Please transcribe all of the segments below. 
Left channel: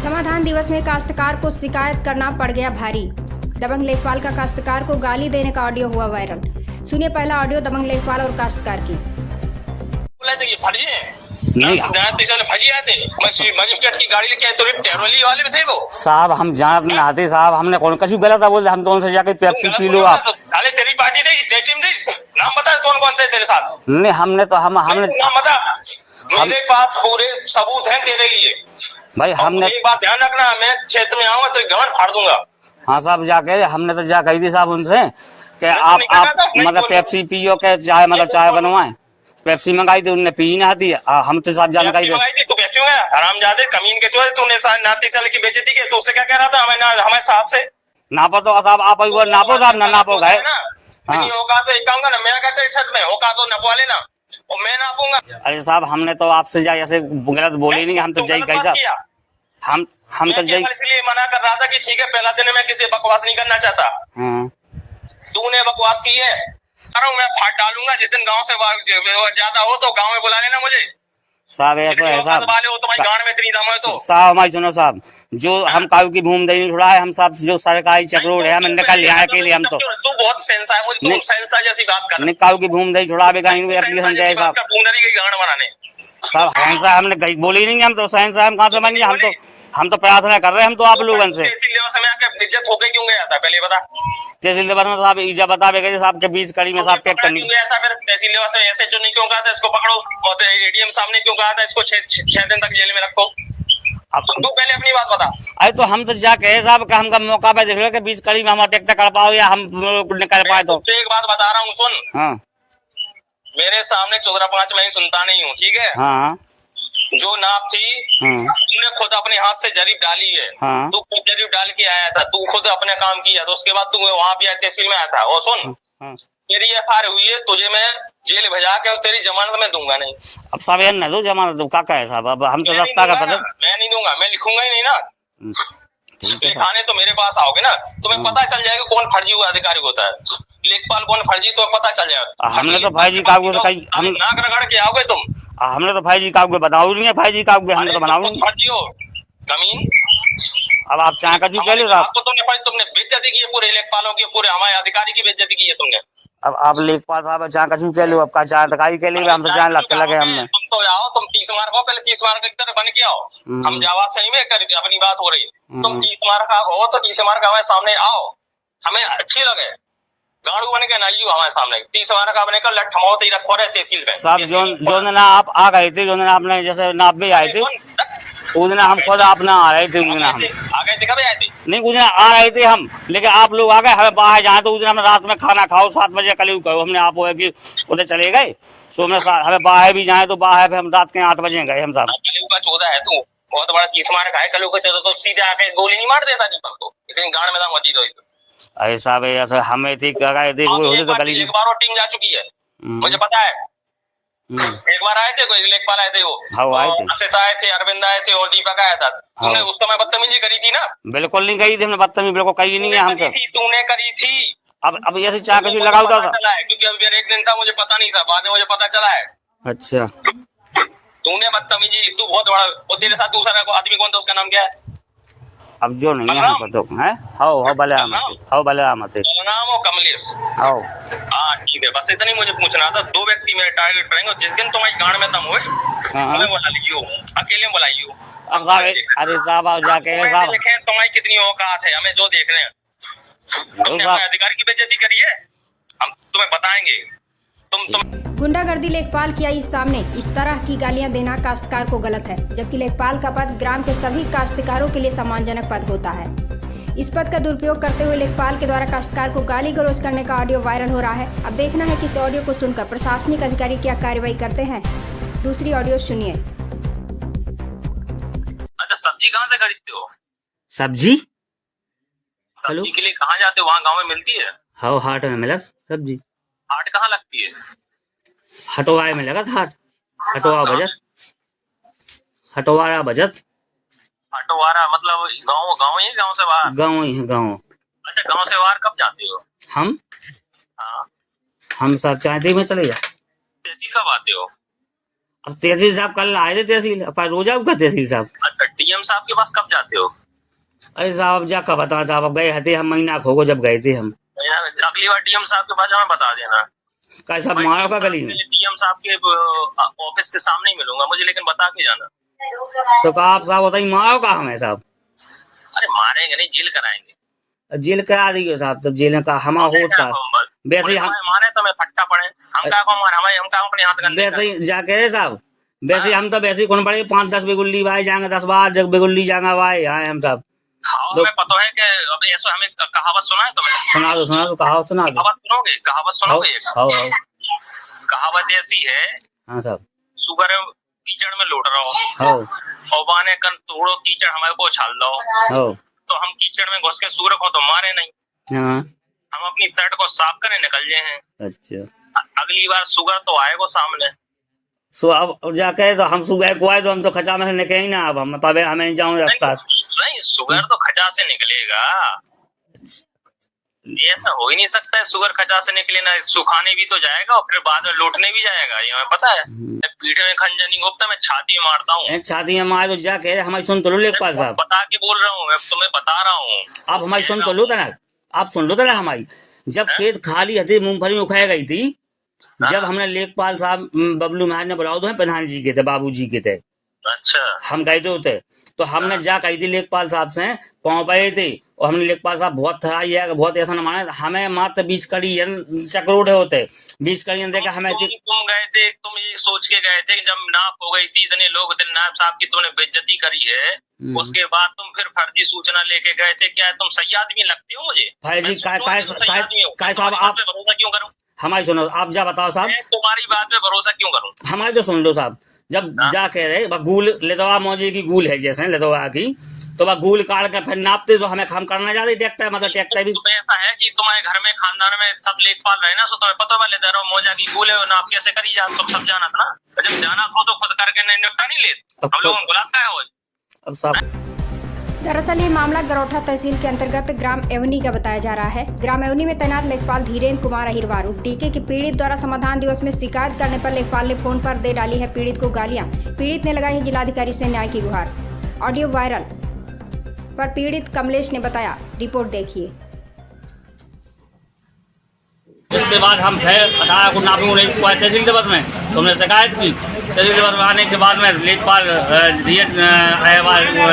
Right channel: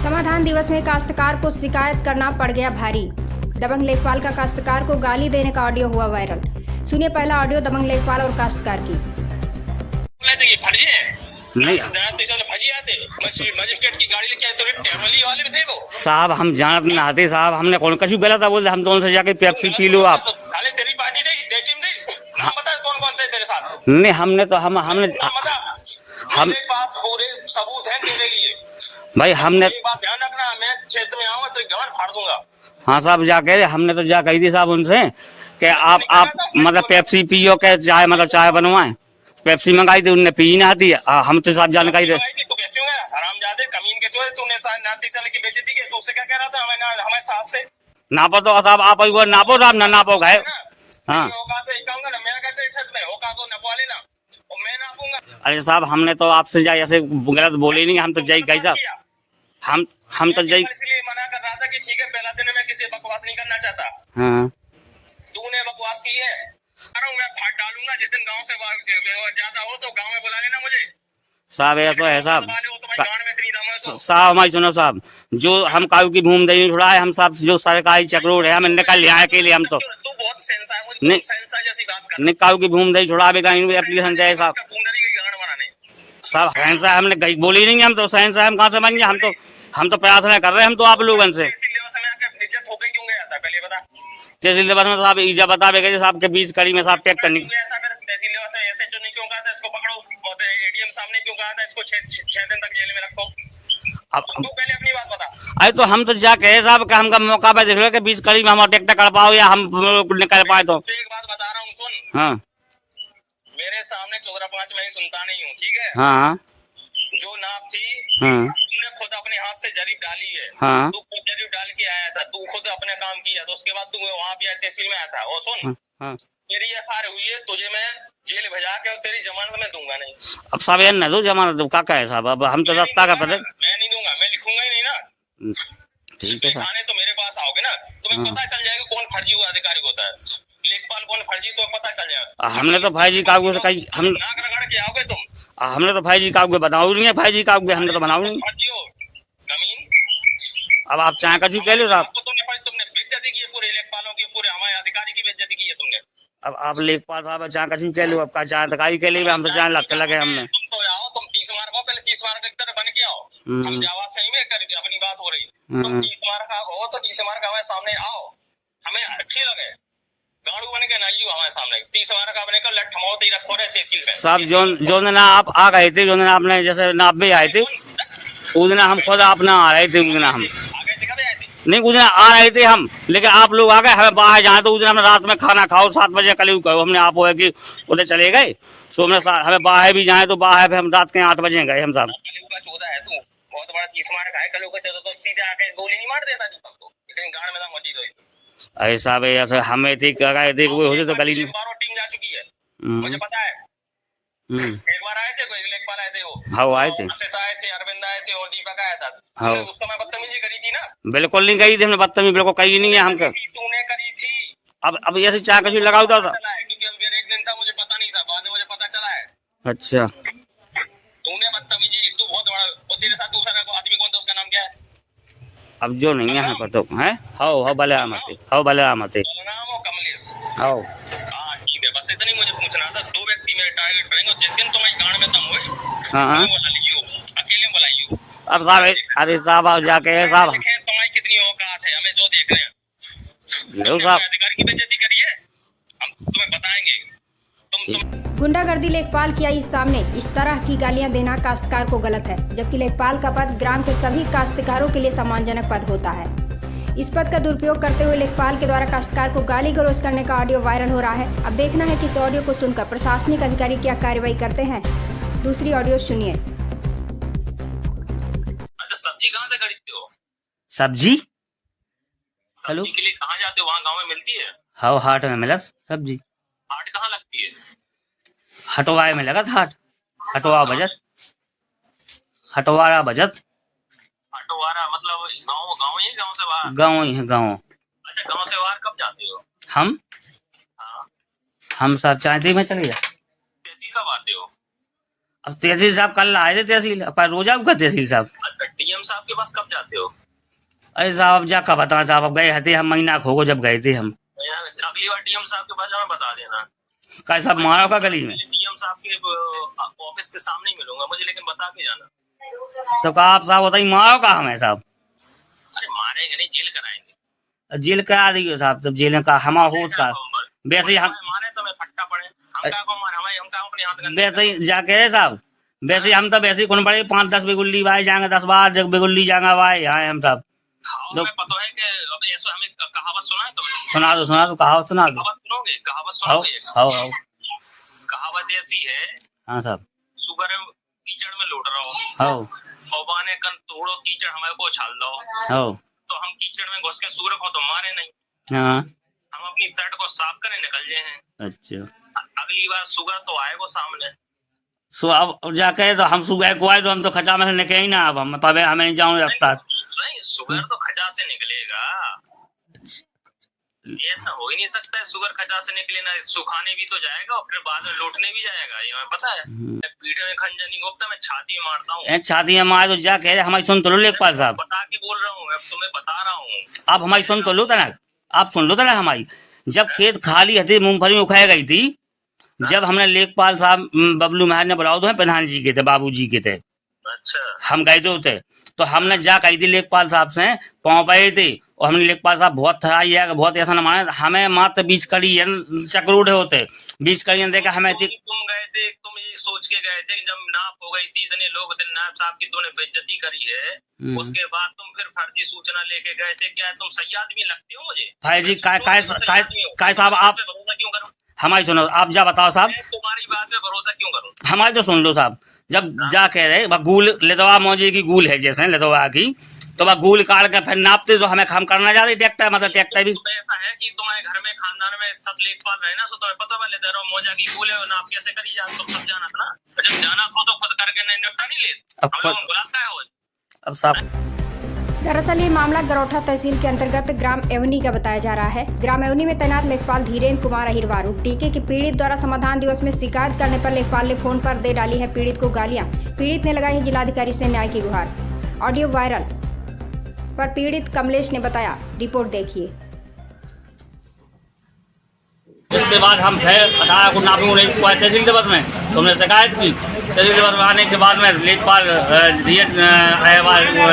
समाधान दिवस में काश्तकार को शिकायत करना पड़ गया भारी। दबंग लेखपाल का काश्तकार को गाली देने का ऑडियो हुआ वायरल। सुनिए पहला ऑडियो दबंग लेखपाल और काश्तकार की। मजिस्ट्रेट की गाड़ी लेके आए तो टेरोली वाले में थे वो साहब, हम जानत नहीं आते साहब, हमने कौन कछु गलत है बोले, हम तो उनसे जाके पेप्सी पी लो आप। अरे तेरी पार्टी थी, टीम थी, नाम बता कौन कौन थे तेरे साथ। नहीं, हमने तो हमने नाम बता। मेरे पास पूरे सबूत हैं तेरे लिए भाई। हमने एक बात ध्यान रखना, मैं क्षेत्र में आऊंगा तो गमन फाड़ दूंगा। हाँ साहब, जाके हमने तो जा कही थी साहब उनसे कि आप मतलब पेप्सी पियो के चाय मतलब चाय बनवाए। पेप्सी मंगाई थी, उनने पी ना दी। हम तो साहब जानकारी दे हरामजादे कमीन के जो है तूने नाती साल की बेइज्जती की, तो उससे क्या कह रहा था हमें साहब से नापो तो साहब आप वो नापो साहब, ना नापो गए। हाँ होगा तो कहूंगा ना, मैं कहते छत में होगा तो नपवा लेना और मैं नापूंगा। अरे साहब, हमने तो आपसे जाए ऐसे गलत बोले नहीं, हम तो जाई कही साहब, हम तो जाई इसलिए मना कर रहा था कि ठीक है पहला दिन मैं किसी बकवास नहीं करना चाहता। हाँ तूने बकवास की है, मैं फाड़ डालूंगा जिस दिन गांव से ज्यादा हो तो गांव में बुला लेना मुझे साहब। ऐसा है साहब, गांव में इतनी दम है तो साहब हमारी सुनो साहब, जो हम कायू की भूमि नहीं छुड़ाए, हम सब जो सरकारी चक्रोड़ है, हम निकल यहाँ के लिए हम तो तू बहुत सेंसा है, मुझे सेंसा जैसी बात कर नहीं, कायू की भूमि नहीं छुड़ावे का एप्लीकेशन जाए साहब। साहब सहनसा हमने कहीं बोली नहीं, हम तो सहनसा हम कहाँ से बन गए, हम तो प्रार्थना कर रहे हैं हम तो आप लोगों से। इज्जत होके क्यों गया था पहले बता। तहसील में साहब ईजा बतावे गए साहब के बीच कड़ी में साहब पैक करनी गया था, फिर तहसील से ऐसे जो नहीं क्यों कहा था इसको पकड़ो और एटीएम सामने क्यों कहा था इसको 6 दिन तक जेल में रखो। अब तू पहले अपनी बात बता। अरे तो हम तो जाके साहब का हमका मौका पे देख लो कि बीच कड़ी में हम टेक्टर कर पाओ या हम निकल पाए। तो एक बात बता रहा हूँ सुन। हाँ मेरे सामने 14-5 मैं सुनता नहीं हूँ, ठीक है। हाँ जो नाप थी तूने खुद अपने हाथ से जरीब डाली है। हाँ। तू खुद जरीब डाल के आया था, तू खुद अपने काम किया तो उसके बाद तू वहाँ पे तहसील में आया था। और सुन हाँ। तेरी एफआईआर हुई है, तुझे मैं जेल भेजा के और तेरी जमानत में दूंगा नहीं। अब साहब यार न दो जमानत दो का है साहब, अब हम तो रफ्ता का पता मैं नहीं दूंगा, मैं लिखूंगा ही नहीं ना। ठीक है लिखाने तो मेरे पास आओगे ना, तुम्हें पता चल जाएगा कौन फर्जी हुआ अधिकारी होता है, लेखपाल कौन फर्जी, तो पता चल जाएगा। हमने तो भाई जी कागज कहीं हम नाक रगड़ के आओगे तुम। हमने तो भाई जी कागज बनाओ नहीं है, भाई जी कागज हमने तो बनाओ नहीं। फर्जी हो कमीन। अब आप चाहे कछु कह लो साहब, तुमने बेइज्जती की है पूरे लेखपालों की, पूरे हमारे अधिकारी की बेइज्जती की है तुमने। अब आप लेखपाल साहब चाहे कछु कह लो, अब का चाहे अधिकारी कह लो, हम तो चाहे लग लगे हमने। तुम तो आओ, तुम 30 मार्क हो, पहले 30 मार्क की तरह बन के आओ। हम जावा सही में कर अपनी बात हो रही है। तुम 30 मार्क हो तो 30 मार्क हमारे सामने आओ, हमें अच्छी लगे। गाड़ू बन के ना आइयो हमारे सामने, 30 मार्क का बने का लठमौत ही रखो रहे तहसील में साहब। जो दिन आप आ गए थे, जो दिन आपने जैसे नाप भी आए थे उस दिन हम खुद अपना आ रहे थे, उस दिन हम आ गए थे। कब आए थे? नहीं उस दिन आ रहे थे हम, लेकिन आप लोग आ गए हमें बाहर जहाँ तो उस दिन हमने रात में खाना खाओ 7 बजे कल कहो हमने आप हो कि उधर चले गए। सो हमें बाहर भी जाए तो बाहर भी हम रात के 8 बजे गए हम साहब। कलू का 14 है तू, बहुत बड़ा 30 मार्क है। कलू का 14 तो सीधे आके गोली नहीं मार देता दीपक को, इतनी गाड़ में मची तो। अरे साहब ऐसे हमें थी होते तो गली एक बार टीम जा चुकी है, मुझे पता है। एक बार आए थे, कोई लेखपाल आए थे, वो आए थे, अक्षित आए थे, अरविंद आए थे और दीपक आया था। तूने उस समय बदतमीजी करी थी ना? बिल्कुल नहीं कही थी हमने बदतमीजी, बिल्कुल कही नहीं है हमको। तूने करी थी। अब ऐसे चाह कछु लगाओ था क्योंकि अभी एक दिन था मुझे पता नहीं था, बाद में मुझे पता चला है। अच्छा तूने बदतमीजी, तू बहुत बड़ा। और तेरे साथ दूसरा आदमी कौन था, उसका नाम क्या है? अब जो नहीं है हमको तो है हाउ बलरामत नाम हो कमलेश। हाउ हाँ ठीक है, बस इतनी मुझे पूछना था। 2 व्यक्ति मेरे टारगेट करेंगे, जिस दिन तुम्हारी गांड में दम हो बुला लीजिए, अकेले में बुलाइए। अब साहब अरे साहब जाके साहब तुम्हारी कितनी औकात है, हमें जो देख रहे हैं। अधिकारी की बेइज्जती करी है, हम तुम्हें बताएंगे। तुम गुंडागर्दी लेखपाल की आई सामने, इस तरह की गालियां देना काश्तकार को गलत है, जबकि लेखपाल का पद ग्राम के सभी काश्तकारों के लिए सम्मानजनक पद होता है। इस पद का दुरुपयोग करते हुए लेखपाल के द्वारा काश्तकार को गाली गलौज करने का ऑडियो वायरल हो रहा है। अब देखना है कि इस ऑडियो को सुनकर प्रशासनिक अधिकारी क्या कार्रवाई करते हैं। दूसरी ऑडियो सुनिए। अच्छा, सब्जी कहाँ से खरीदते हो? सब्जी सब्जी के लिए कहाँ जाते हो? वहाँ गाँव में मिलती है? हाँ हाट में मिला सब्जी। हाट कहाँ लगती है? हटवाए में लगा हाट, हटवा बजट, हटवारा बजट। हटवारा मतलब गाँव ही, गाँव से बाहर? गाँव ही है, गाँव। अच्छा, गाँव से बाहर कब जाते हो? हम हाँ, हम सब चाहते में चले जाए। तहसील कब आते हो? अब तहसील साहब कल आए थे, तहसील पर रोजा का तहसील साहब। डीएम साहब के पास कब जाते हो? अरे साहब जा कब बता साहब, अब गए थे हम महीना खो को जब गए थे हम। यार अगली बार डीएम साहब के पास हमें बता देना। कल साहब मारो का गली में, डीएम साहब के ऑफिस के सामने ही मिलूंगा मुझे, लेकिन बता के जाना। तो कहा आप साहब बताइए मारो का हमें साहब। अरे मारेंगे नहीं, जेल कराएंगे। जेल करा दियो साहब, तब जेल का हमारा होट का वैसे ही हम मारे तो मैं फट्टा पड़े, हम का को मार, हम का अपने हाथ गंदे वैसे ही जाके साहब, वैसे ही हम तो वैसे ही कौन पड़े 5-10 बिगुल्ली भाई जाएंगे, 10 बार जब बिगुल्ली जाएंगे भाई यहाँ हम सब। हाँ हमें पता है कि अब ऐसा हमें कहावत सुना है तुम्हें? सुना दो कहावत सुना दो। कहावत सुनोगे? कहावत सुनोगे? कहावत ऐसी है, हाँ साहब, सुगर कीचड़ में लौट रहा हो और बाने कन थोड़ो कीचड़ हमारे को उछाल दो, हो तो हम कीचड़ में घुस के सूर को तो मारे नहीं, हाँ हम अपनी तट को साफ करने निकल जाए हैं। अच्छा, अगली बार सुगर तो आएगा सामने। सो अब जाके तो हम सुबह को आए तो हम तो खचा में से निकले ही ना, अब हम पावे हमें नहीं जाऊँ रफ्तार। नहीं सुगर तो खचा से निकलेगा, ऐसा हो ही नहीं सकता है सुगर खचा से निकले ना, सुखाने भी तो जाएगा और फिर बाद में लौटने भी जाएगा, ये हमें पता है। पीठे में खंजर नहीं घुपता, मैं छाती में मारता हूँ। छाती में मार तो जाके हमारी सुन तो लो लेखपाल साहब, बता के बोल रहा हूँ मैं, तुम्हें बता रहा हूँ। आप हमारी सुन तो लो तना, आप सुन लो तना हमारी। जब खेत खाली हथे मूंगफली उखाई गई थी, जब हमने लेखपाल साहब बबलू महाराज ने बुलाओ तो प्रधान जी के थे, बाबू जी के थे, अच्छा हम गए थे, तो हमने जा कही थी लेखपाल साहब से पाँव पाए थे, और हमने लेखपाल साहब बहुत थराई है, बहुत ऐसा न माने, हमें मात्र 20 कड़ी चक्रोड़े होते 20 कड़ी देकर हमें। तुम गए थे, तुम ये सोच के गए थे कि जब नाप हो गई थी, इतने लोग थे, नायब साहब की तुमने बेइज्जती करी है, उसके बाद तुम फिर फर्जी सूचना लेके गए थे। क्या तुम सही आदमी लगते हो मुझे? भाई जी काय साहब आप भरोसा क्यों करूं? हमारी सुनो, आप जा बताओ साहब, तुम्हारी बात पे भरोसा क्यों करूं? हमारी तो सुन लो साहब। जब जा कह रहे गूल लेदवा मौजे की गूल है जैसे लेदवा की, तो वह गूल काट के फिर नापते तो हमें काम करना जाते ट्रैक्टर, मतलब ट्रैक्टर भी ऐसा है कि तुम्हारे घर में खानदान में सब लेखपाल रहे ना, तो तुम्हें पता वाले दे रहा मौजा की गूल है, नाप कैसे करी जा, सब जाना था ना। जब जाना था तो खुद करके नहीं निपटा नहीं लेते, हम लोगों को बुलाता है। अब साहब दरअसल ये मामला गरौठा तहसील के अंतर्गत ग्राम एवनी का बताया जा रहा है। ग्राम एवनी में तैनात लेखपाल धीरेन्द्र कुमार अहिरवारू डीके की पीड़ित द्वारा समाधान दिवस में शिकायत करने पर लेखपाल ने फोन पर दे डाली है पीड़ित को गालियां। पीड़ित ने लगाई है जिलाधिकारी से न्याय की गुहार। ऑडियो वायरल पर पीड़ित कमलेश ने बताया, रिपोर्ट देखिए। इसके बाद हम फिर 18 को नापी तहसील दिवस में तो हमने शिकायत की। तहसील दिवस में आने के बाद में लेखपाल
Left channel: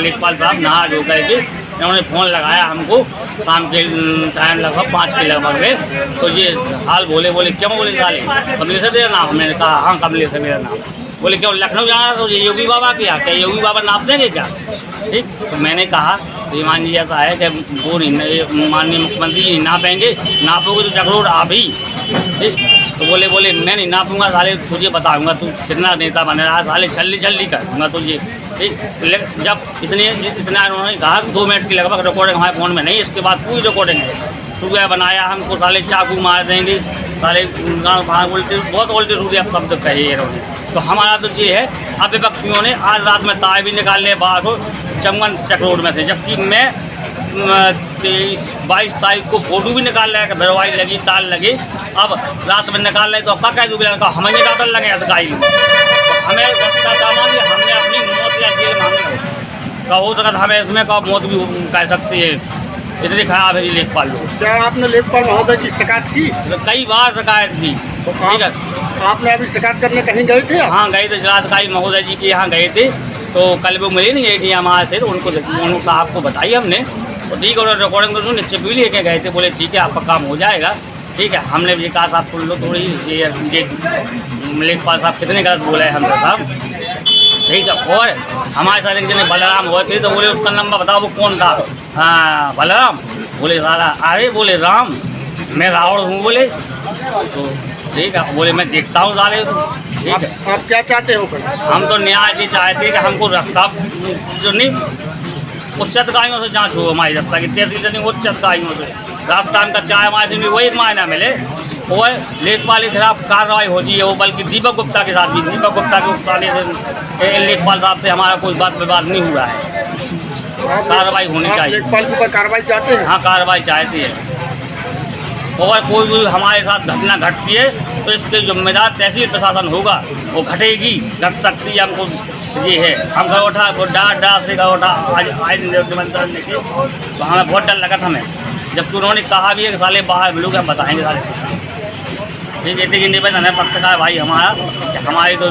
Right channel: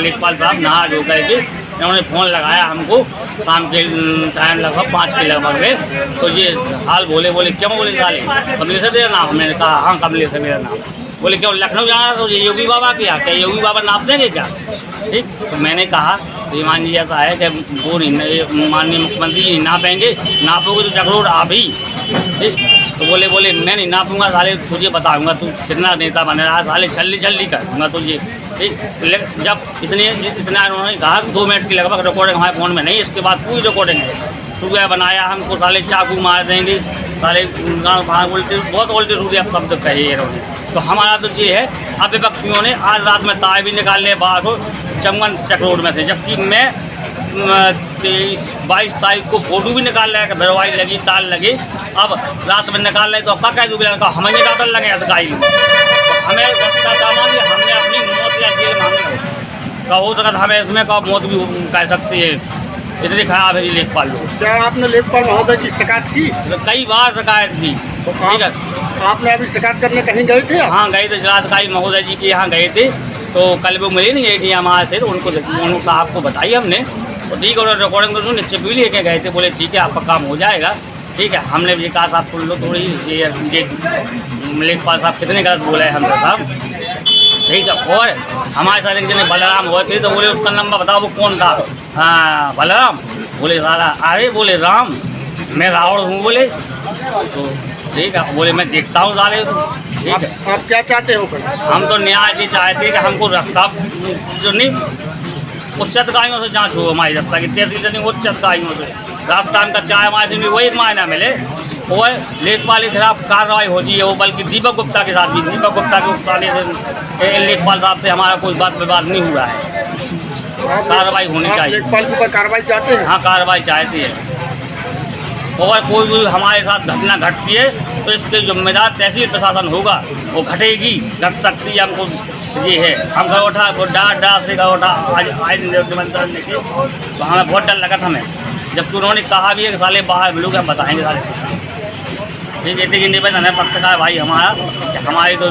लेखपाल साहब नहा धो करके उन्होंने फ़ोन लगाया हमको शाम के टाइम लगभग 5 के लगभग में, तो ये हाल बोले क्यों, बोले साले कमलेश है तेरा नाम? हमने कहा हाँ कमलेश है मेरा नाम। बोले क्यों लखनऊ जाना, तो ये योगी बाबा के क्या योगी बाबा नाप देंगे क्या? ठीक, तो मैंने कहा श्रीमान जी ऐसा है कि वो नहीं, माननीय मुख्यमंत्री जी नापेंगे, नापोगे तो जगरोड आप ही। ठीक, तो बोले मैं नहीं नापूंगा साले, तुझे बताऊंगा तू कितना नेता बन रहा है साले, छल्ली कर दूंगा तुझे। ठीक, जब इतना उन्होंने कहा 2 मिनट की लगभग रिकॉर्डिंग हमारे फ़ोन में नहीं, इसके बाद पूरी रिकॉर्डिंग है। सुबह बनाया हमको साले चाकू मार देंगे साले, उल्टे बहुत उल्टे रूढ़ी अब शब्द कहे इन्होंने। तो हमारा तो ये है, अब विपक्षियों ने आज रात में तार भी निकालने बाहर हो चमन चक्रोड में थे, जबकि मैं 23-22 तारीख को फोटो भी निकाल रहा है कि भरवाई लगी तार लगे, अब रात में निकाल रहे तो अब क्या दूसरे का हमें डाटल लगे अधिकारी, हमें रास्ता दामांगे, हमने अपनी मौत या जेल मांगे का हो सकता, हमें इसमें का मौत भी कह सकती है, इतनी खराब है लेखपाल लोग। क्या आपने लेखपाल महोदय की शिकायत की? कई बार शिकायत की। तो ठीक है, आपने अभी शिकायत करने कहीं गए थे? हाँ गए थे, जिलाधिकारी महोदय जी के यहाँ गए थे, तो कल वो मिले नहीं ADM हमारे से, तो उनको साहब को बताई हमने, तो ठीक है उन्होंने रिकॉर्डिंग को निश्चित भी लेके गए थे, बोले ठीक है आपका काम हो जाएगा। ठीक है, हमने भी कहा साहब सुन लो थोड़ी ये लेखपाल साहब कितने गलत बोले हैं हमसे साहब। ठीक है, और हमारे साथ एक जने बलराम हुए थे, तो बोले उसका नंबर बताओ वो कौन था? हाँ बलराम। बोले सारा अरे बोले राम मैं रावण हूँ, बोले तो ठीक है, बोले मैं देखता हूँ साले। तो ठीक है, आप क्या चाहते हो? हम तो न्याय जी चाहते हैं कि हमको रास्ता जो नहीं उच्च अधिकारियों से जांच हो, हमारी रास्ता की तहसील नहीं उच्च अधिकारियों से रास्ता हमका चाहे हमारे से भी वही मायना मिले, और लेखपाल के खिलाफ कार्रवाई हो चाहिए वो, बल्कि दीपक गुप्ता के साथ भी, दीपक गुप्ता के उकसाने से लेखपाल साहब से हमारा कोई बात विवाद नहीं हुआ है, कार्रवाई होनी चाहिए। लेखपाल के ऊपर कार्रवाई चाहते हैं? हाँ कार्रवाई चाहते हैं। और कोई भी हमारे साथ घटना घटती है तो इसके जिम्मेदार तहसील प्रशासन होगा, वो घटेगी, घट सकती है। हमको ये है, हम घर उठा वो डर से घर उठा आज निमंत्रण लेके, तो हमें बहुत डर लगा था हमें, जबकि उन्होंने कहा भी है कि साले बाहर मिलोगे हम बताएंगे साले। ये जैसे कि निवेदन है पत्रकार भाई हमारा, हमारी तो